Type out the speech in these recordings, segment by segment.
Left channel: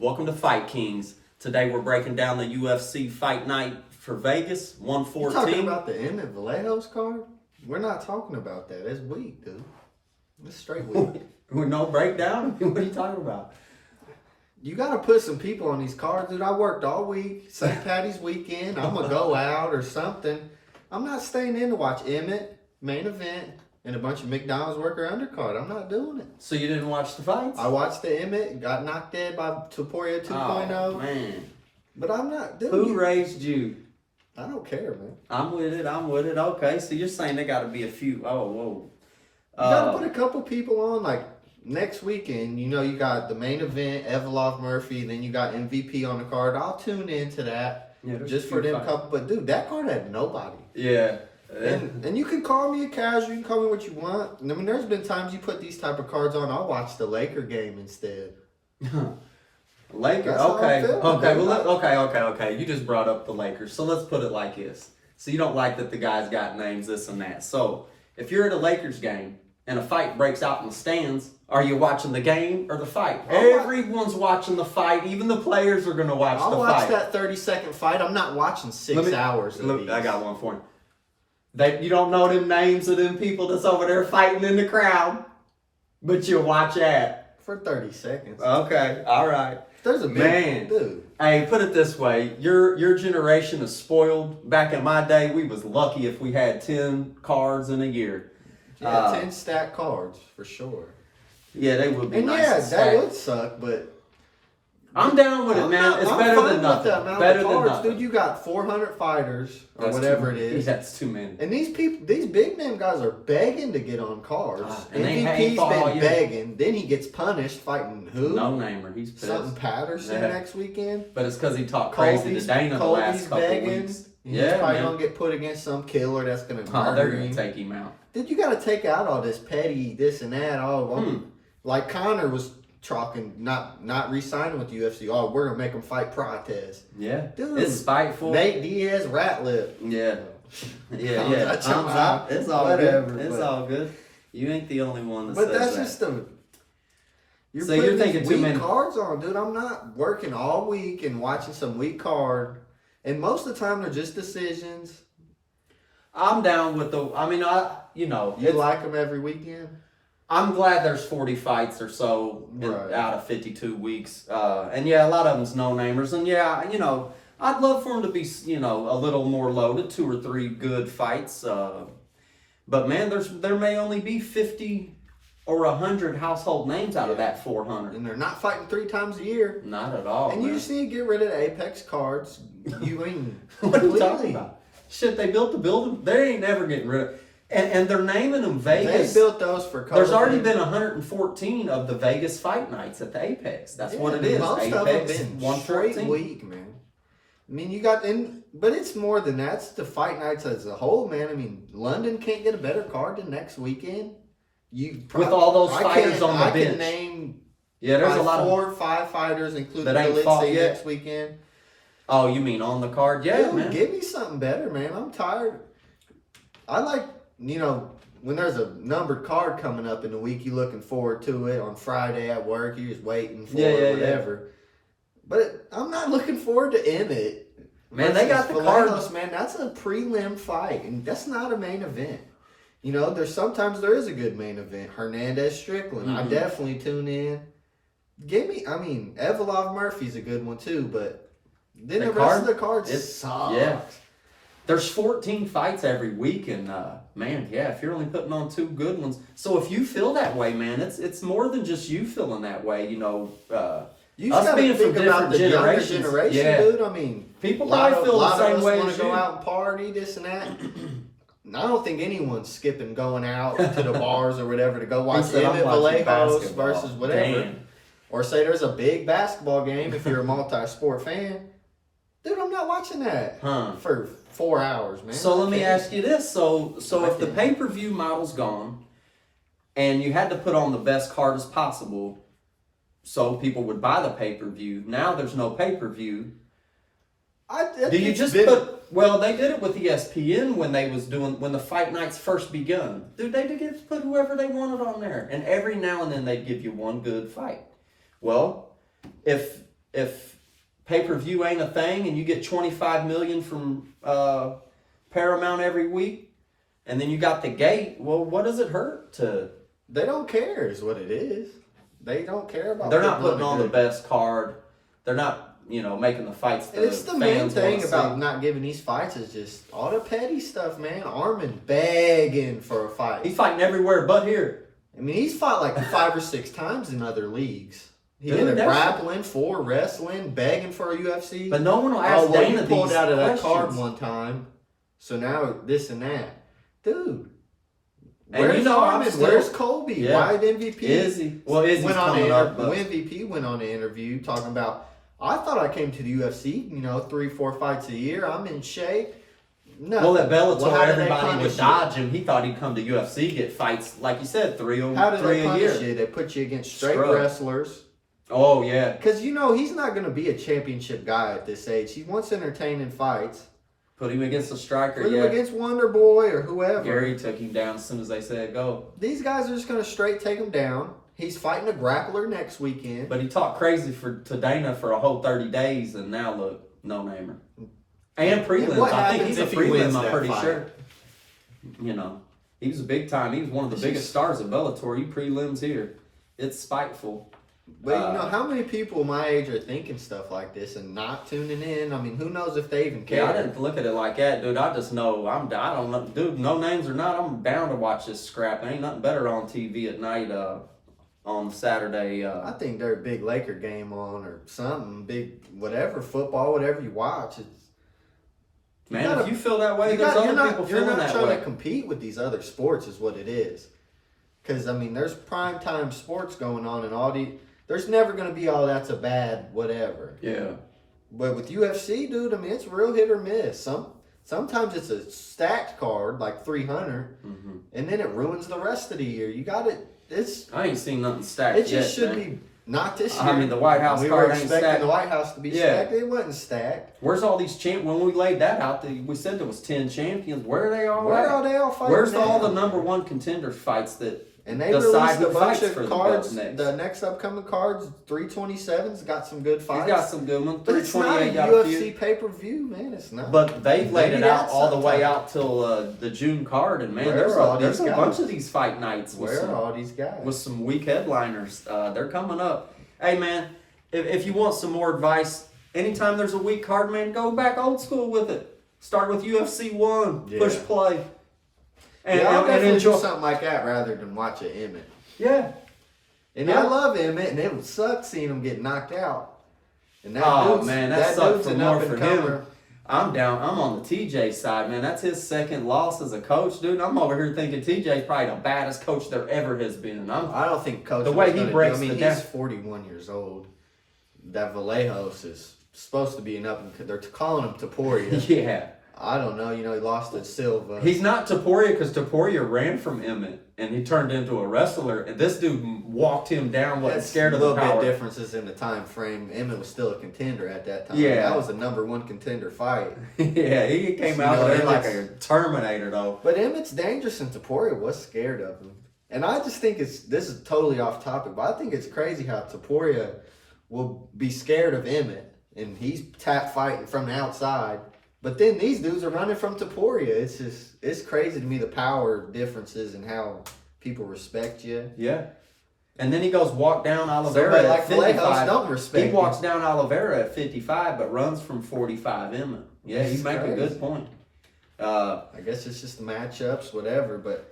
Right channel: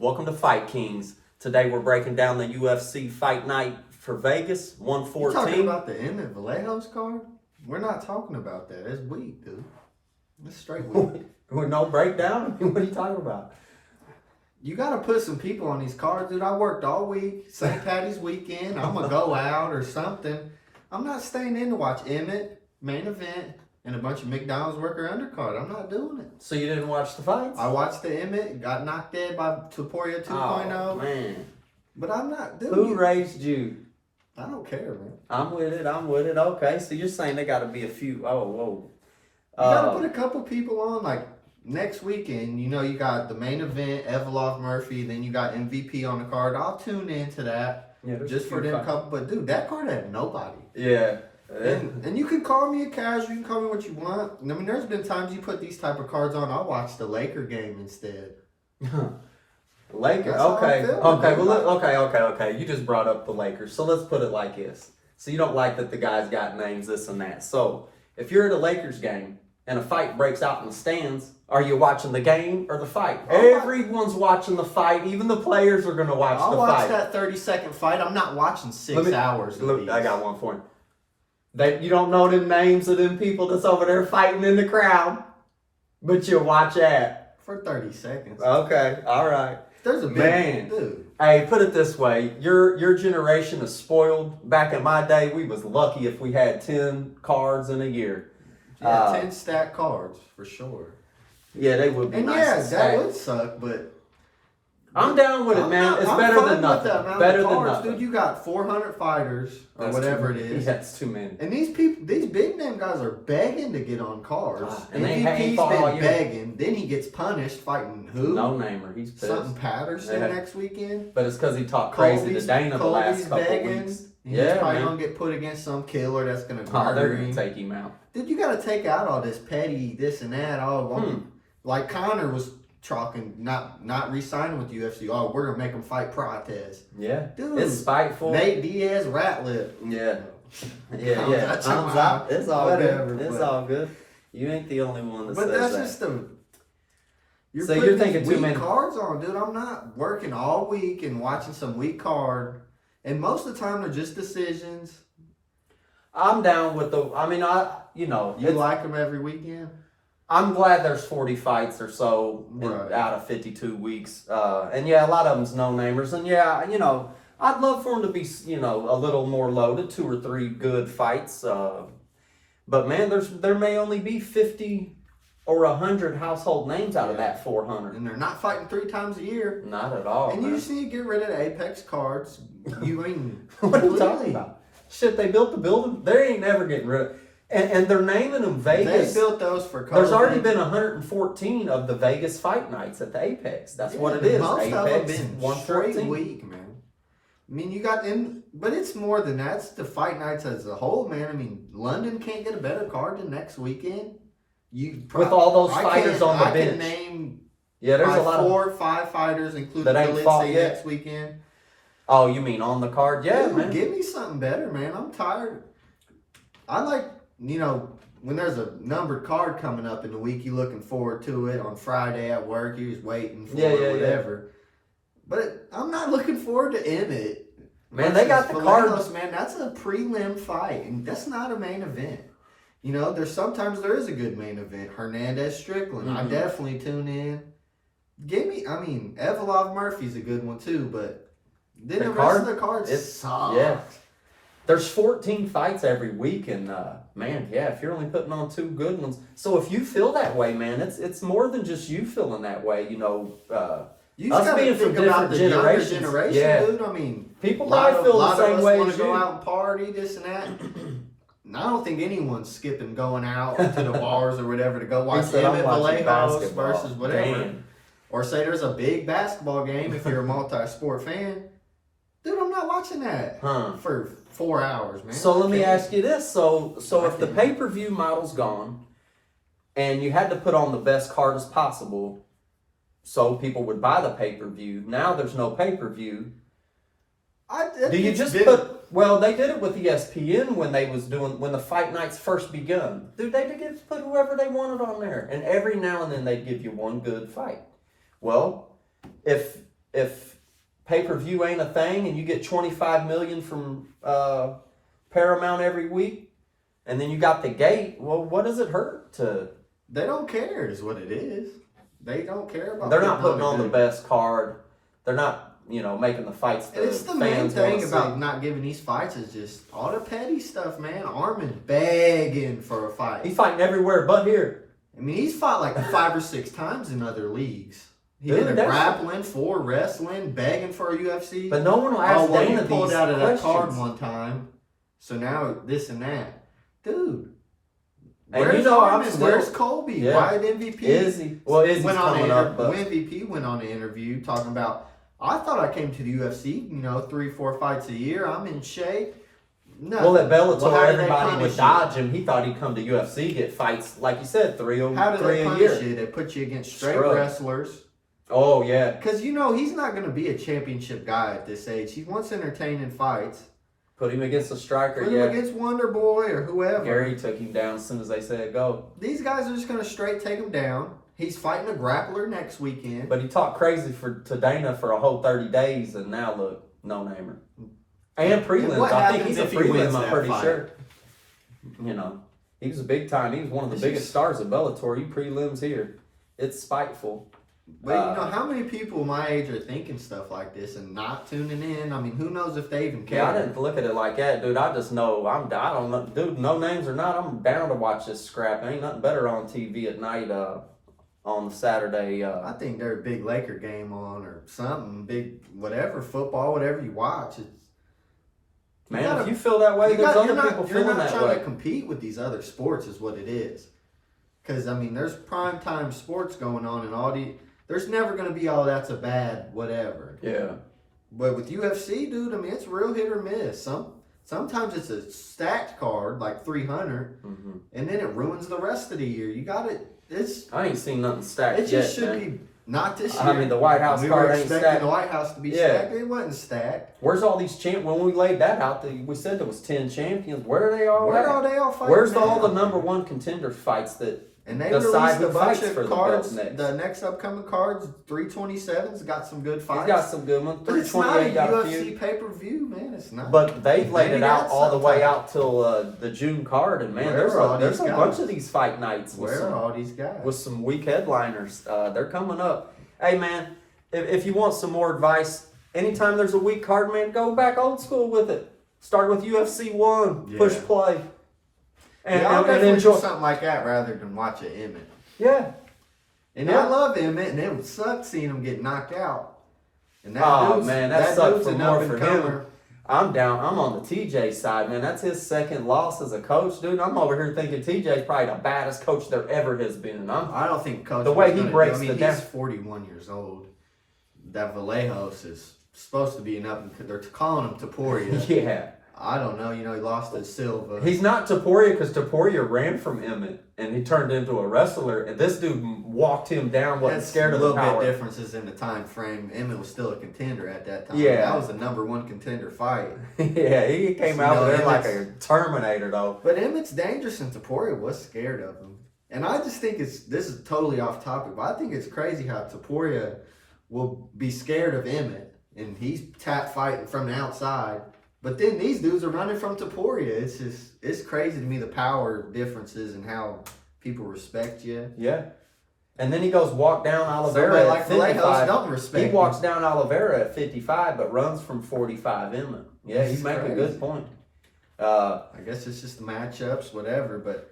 Welcome to Fight Kings. Today we're breaking down the UFC Fight Night for Vegas, You 114. talking about the Emmett Vallejo's card? We're not talking about that. It's weak, dude. It's straight weak. With no breakdown? What are you talking about? You got to put some people on these cards, dude. I worked all week. St. Patty's weekend. I'm going to go out or something. I'm not staying in to watch Emmett, main event, and a bunch of McDonald's worker undercard. I'm not doing it. So you didn't watch the fights? I watched the Emmett, got knocked dead by Topuria 2.0. Oh, man. But I'm not doing Who it. raised you? I don't care, man. I'm with it. Okay, so you're saying there got to be a few. Oh, whoa. You got to put a couple people on, like, next weekend. You know, you got the main event, Evolov Murphy, then you got MVP on the card. I'll tune into that just for them couple. But, dude, that card had nobody. Yeah. And you can call me a casual. You can call me what you want. I mean, there's been times you put these type of cards on. I'll watch the Laker game instead. Lakers. Okay. Okay. You just brought up the Lakers. So let's put it like this. So you don't like that the guys got names, this and that. So if you're at a Lakers game and a fight breaks out in the stands, are you watching the game or the fight? Everyone's watching the fight. Even the players are going to watch the fight. I'll watch that 30-second fight. I'm not watching 6 hours of these. I got one for you. You don't know them names of them people that's over there fighting in the crowd, but you watch that. For 30 seconds. Okay, all right. There's a big man. Dude. Hey, put it this way. Your generation is spoiled. Back in my day, we was lucky if we had 10 cards in a year. Yeah, 10 stack cards, for sure. Yeah, they would be and nice. Yeah, to that stack. would suck, but... I'm down with it, man. It's better than nothing. Better than nothing. Dude, you got 400 fighters, or whatever it is. Yeah, that's too many. And these people, these big name guys are begging to get on cards. And MVP's been begging. Then he gets punished fighting who? No namer. He's pissed. Something Patterson next weekend. But it's because he talked crazy to Dana the last couple weeks. He's probably going to get put against some killer that's going to they're going to take him out. Dude, you got to take out all this petty this and that. Like Connor was talking, not re-signing with the UFC. Oh, we're going to make him fight Protez. Yeah. Dude. It's spiteful. Nate Diaz, rat lip. Yeah. Yeah. Thumbs up. It's all good. It's all good. You ain't the only one that says that. But that's just the... You're thinking too many cards on, dude. I'm not working all week and watching some weak card. And most of the time, they're just decisions. I'm down with the... I mean, you like them every weekend? I'm glad there's 40 fights or so out of 52 weeks. And yeah, a lot of them's no-namers. And yeah, I'd love for them to be, a little more loaded, 2 or 3 good fights. But man, there may only be 50 or 100 household names out of that 400. And they're not fighting 3 times a year. Not at all, And you just need to get rid of the Apex cards. What are you talking about? Shit, they built the building. They ain't never getting rid of. And they're naming them Vegas. They built those for. There's already been 114 of the Vegas fight nights at the Apex. That's what it is. Most Apex of them been 114. straight week, man. I mean, you got but it's more than that. It's the fight nights as a whole, man. I mean, London can't get a better card than next weekend. With all those fighters on the bench. I can name. There's a lot 4 or 5 fighters, including that ain't fought Galitze yet next weekend. Oh, you mean on the card? Yeah, Dude, man. Give me something better, man. I'm tired. I like. When there's a numbered card coming up in the week, you're looking forward to it. On Friday at work, you're just waiting for it, whatever. Yeah. But I'm not looking forward to Emmett. Man, they got the cards. Man, that's a prelim fight, and that's not a main event. Sometimes there is a good main event. Hernandez Strickland. Mm-hmm. I definitely tune in. Evolov Murphy's a good one too, but then the rest of the cards suck. Yeah. There's 14 fights every week, and if you're only putting on 2 good ones. So if you feel that way, man, it's more than just you feeling that way, us being from different generations. Dude. I mean, people probably feel the same way as you. Want to go out and party, this and that. I don't think anyone's skipping going out to the bars or whatever to go watch Emmett Vallejo's versus whatever. Damn. Or say there's a big basketball game if you're a multi-sport fan. Dude, I'm not watching that for 4 hours, man. So let me ask you this. So if the pay-per-view model's gone and you had to put on the best card as possible so people would buy the pay-per-view, now there's no pay-per-view. Do you just they did it with ESPN when the fight nights first begun. Dude, they just put whoever they wanted on there. And every now and then they'd give you one good fight. Well, if if pay-per-view ain't a thing and you get $25 million from Paramount every week, and then you got the gate, well, what does it hurt to? They don't care is what it is. They don't care about. They're not putting on the best card. They're not, making the fights. It's the main thing about not giving these fights is just all the petty stuff, man. Armin's begging for a fight. He's fighting everywhere but here. I mean, he's fought like 5 or 6 times in other leagues. He did a grappling, 4 wrestling, begging for a UFC. But no one will ask Dana he pulled these out of questions. that card one time, so now this and that, dude. And where's Armin? Where's Colby? Yeah. Why did MVP? Izzy. Well, Izzy's coming up. But MVP went on an interview talking about, I thought I came to the UFC, 3, 4 fights a year. I'm in shape. Nothing. Well, at Bellator, everybody would dodge him. He thought he'd come to UFC, get fights, like you said, 3 a year. How do they punish you? They put you against straight wrestlers. Oh, yeah. Because, he's not going to be a championship guy at this age. He wants entertaining fights. Put him against a striker, Put him against Wonder Boy or whoever. Gary took him down as soon as they said go. These guys are just going to straight take him down. He's fighting a grappler next weekend. But he talked crazy to Dana for a whole 30 days, and now look, no-namer. And prelims. I think he's a prelim, I'm pretty sure. He was a big time. He was one of the biggest stars of Bellator. You prelims here. It's spiteful. But how many people my age are thinking stuff like this and not tuning in? I mean, who knows if they even care? Yeah, I didn't look at it like that, dude. I just know I don't know, dude. No names or not, I'm bound to watch this scrap. There ain't nothing better on TV at night. On Saturday. I think there's a big Laker game on or something. Big whatever football, whatever you watch. If you feel that way, there's other people feeling that way. You're not trying to compete with these other sports, is what it is. Because there's primetime sports going on, and there's never going to be that's a bad whatever. Yeah. But with UFC, dude, it's real hit or miss. Sometimes it's a stacked card, like 300, and then it ruins the rest of the year. You got it. I ain't seen nothing stacked yet. It just should be not this year. I mean, the White House card ain't stacked. We were expecting the White House to be stacked. It wasn't stacked. Where's all these when we laid that out, we said there was 10 champions. Where are they all Where at? are they all fighting? Where's all the number 1 contender fights that and they decide released a who bunch fights of for cards. the belts next? The next upcoming cards, 327's got some good fights. He's got some good ones. 328 got a few. UFC pay-per-view, man. It's not. But they've laid it out all the way out till the June card, and man, there's a bunch of these fight nights. Where are all these guys? With some weak headliners. They're coming up. Hey, man, if you want some more advice, anytime there's a weak card, man, go back old school with it. Start with UFC 1. Push play. I'll definitely enjoy something like that rather than watch an Emmett. Yeah. And I love Emmett, and it would suck seeing him get knocked out. And that sucked for more for him. I'm down. I'm on the TJ side, man. That's his second loss as a coach, dude. I'm over here thinking TJ's probably the baddest coach there ever has been. I don't think coach. The way he breaks the down. He's 41 years old. That Vallejos is supposed to be an up. They're calling him Taporia. Yeah. I don't know. He lost to Silva. He's not Taporia because Taporia ran from Emmett and he turned into a wrestler. And this dude walked him down, wasn't scared of the power. A little bit differences in the time frame. Emmett was still a contender at that time. Yeah. That was the number 1 contender fight. Yeah, he came out there like a Terminator, though. But Emmett's dangerous and Taporia was scared of him. And I just think this is totally off topic, but I think it's crazy how Taporia will be scared of Emmett. And he's tap fighting from the outside. But then these dudes are running from Taporia. It's crazy to me, the power differences and how people respect you. Yeah. And then he goes walk down Oliveira at 55. Don't respect he walks down Oliveira at 55, but runs from 45 Emmett. Yeah, you make a good point. I guess it's just the matchups, whatever. But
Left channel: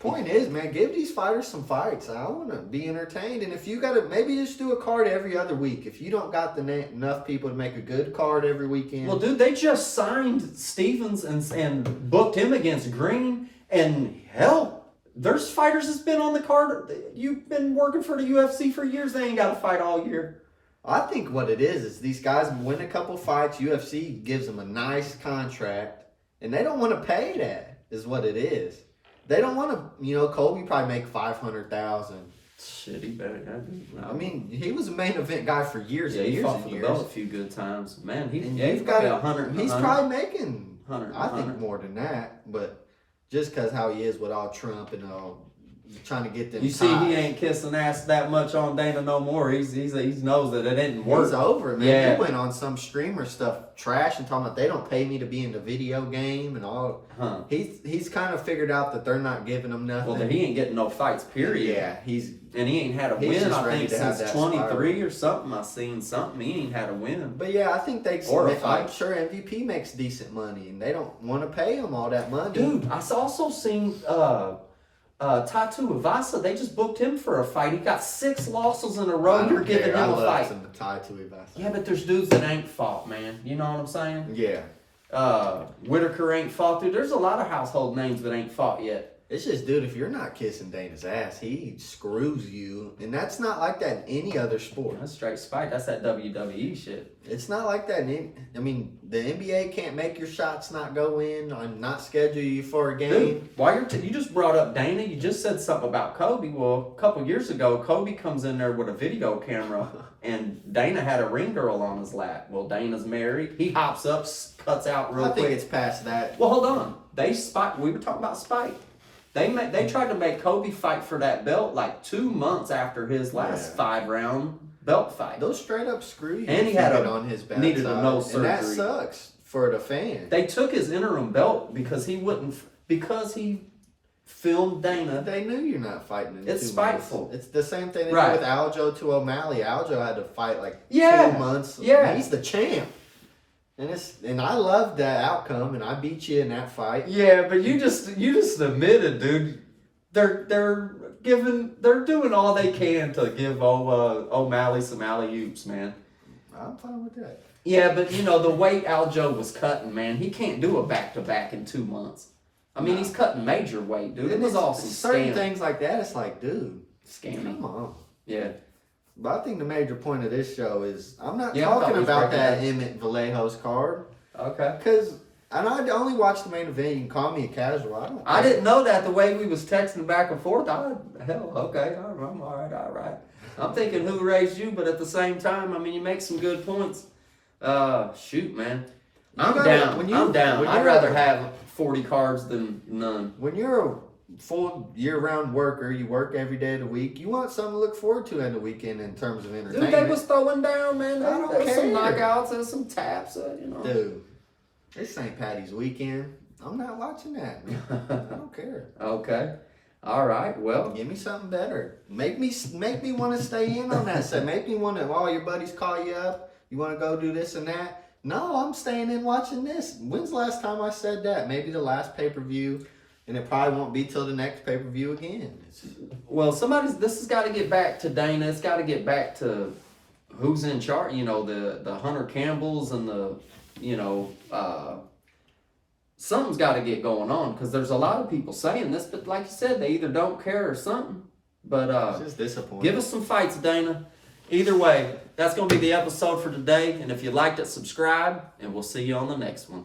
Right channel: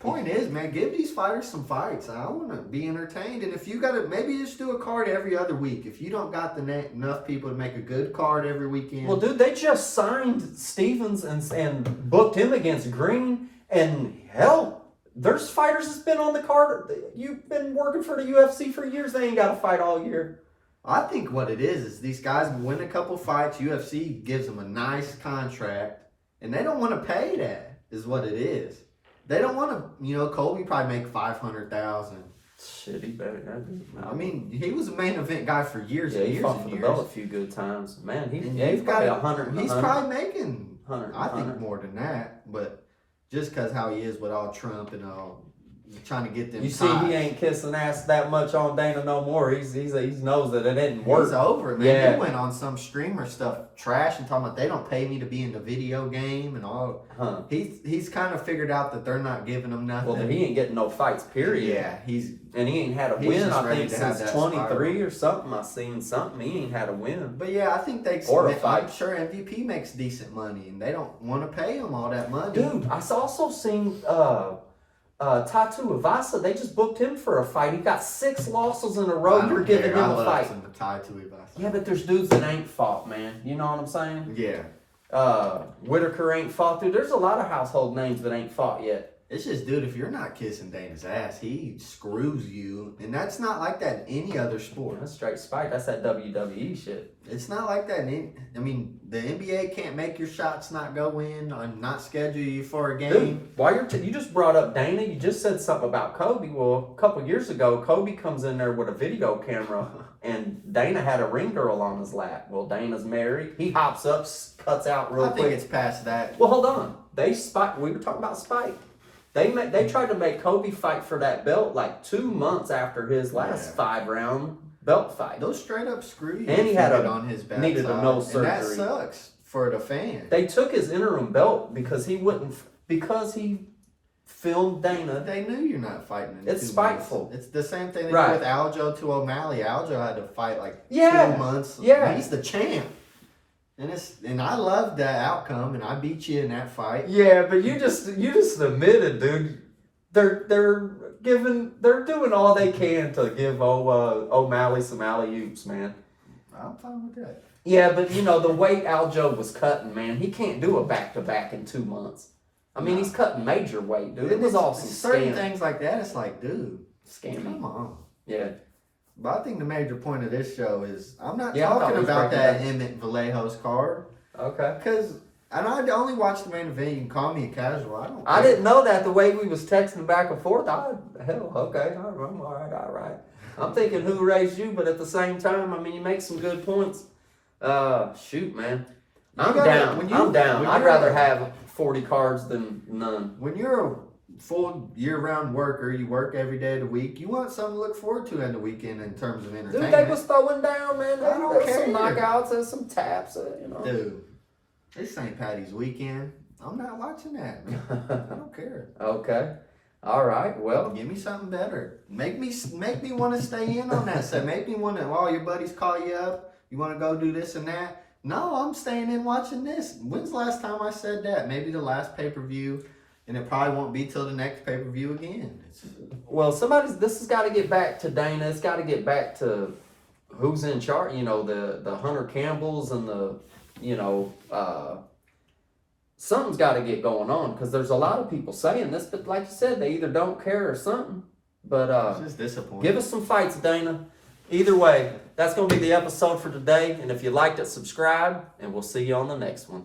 point is, man, give these fighters some fights. I want to be entertained. And if you got to, maybe just do a card every other week. If you don't got enough people to make a good card every weekend. Well, dude, they just signed Stevens and booked him against Green. And hell, there's fighters that's been on the card. You've been working for the UFC for years. They ain't got to fight all year. I think what it is these guys win a couple fights. UFC gives them a nice contract. And they don't want to pay that, is what it is. They don't want to, Colby probably make $500,000. Shit, he better. I mean, he was a main event guy for years. Yeah, and he years fought and for years. the belt a few good times. Man, he's got probably 100. He's probably making, 100. I think more than that. But just because how he is with all Trump and all trying to get them. You see, he ain't kissing ass that much on Dana no more. He knows that it didn't work. He's over, man. Yeah. He went on some streamer stuff, trash, and talking about they don't pay me to be in the video game and all. Huh. He's kind of figured out that they're not giving him nothing. Well, then he ain't getting no fights, period. Yeah, and he ain't had a he's win, just I ready think, to have since that 23 spiral. or something. I seen something. He ain't had a win. But yeah, I think I'm sure MVP makes decent money, and they don't want to pay him all that money. Dude, I also seen Tatu Ivasa. They just booked him for a fight. He got 6 losses in a row. You're giving him a fight. Yeah, but there's dudes that ain't fought, man. You know what I'm saying? Yeah. Whitaker ain't fought, dude. There's a lot of household names that ain't fought yet. It's just, dude, if you're not kissing Dana's ass, he screws you. And that's not like that in any other sport. That's straight spite. That's that WWE shit. It's not like that. The NBA can't make your shots not go in and not schedule you for a game. Dude, while you just brought up Dana, you just said something about Kobe. Well, a couple years ago, Kobe comes in there with a video camera, and Dana had a ring girl on his lap. Well, Dana's married. He hops up, cuts out real quick. I think it's past that. Well, hold on. We were talking about spite. They tried to make Kobe fight for that belt like 2 months after his last 5-round belt fight. Those straight up screw you. And he needed a nose surgery. And that sucks for the fan. They took his interim belt because he filmed Dana. They knew you're not fighting in 2 months. It's spiteful. It's the same thing they did with Aljo to O'Malley. Aljo had to fight like 2 months. Yeah. He's the champ. And I love the outcome, and I beat you in that fight. Yeah, but you just admitted, dude. They're doing all they can to give O'Malley some alley-oops, man. I'm fine with that. Yeah, but the weight Aljo was cutting, man, he can't do a back-to-back in 2 months. I mean, he's cutting major weight, dude. It was all some certain things like that. It's like, dude, scammy. Come on. Yeah. But I think the major point of this show is I'm not talking about that Emmett Vallejo's card. Okay. Because I only watched the main event. You can call me a casual. I didn't know that the way we was texting back and forth. Okay, I'm all right. I'm thinking who raised you, but at the same time, I mean, you make some good points. Shoot, man. I'm down. I'd rather have 40 cards than none. When you're a full year-round worker, you work every day of the week, you want something to look forward to in the weekend in terms of entertainment. Dude, they was throwing down, man. There was care. some knockouts and some taps, Dude, it's St. Patty's weekend. I'm not watching that, man. I don't care. Okay. All right, well. Give me something better. Make me want to stay in on that set. Make me want to, your buddies call you up. You want to go do this and that? No, I'm staying in watching this. When's the last time I said that? Maybe the last pay-per-view. And it probably won't be till the next pay-per-view again. Well, this has got to get back to Dana. It's got to get back to who's in charge. The Hunter Campbells and something's got to get going on because there's a lot of people saying this, but like you said, they either don't care or something. But it's just disappointing. Give us some fights, Dana. Either way, that's going to be the episode for today. And if you liked it, subscribe, and we'll see you on the next one.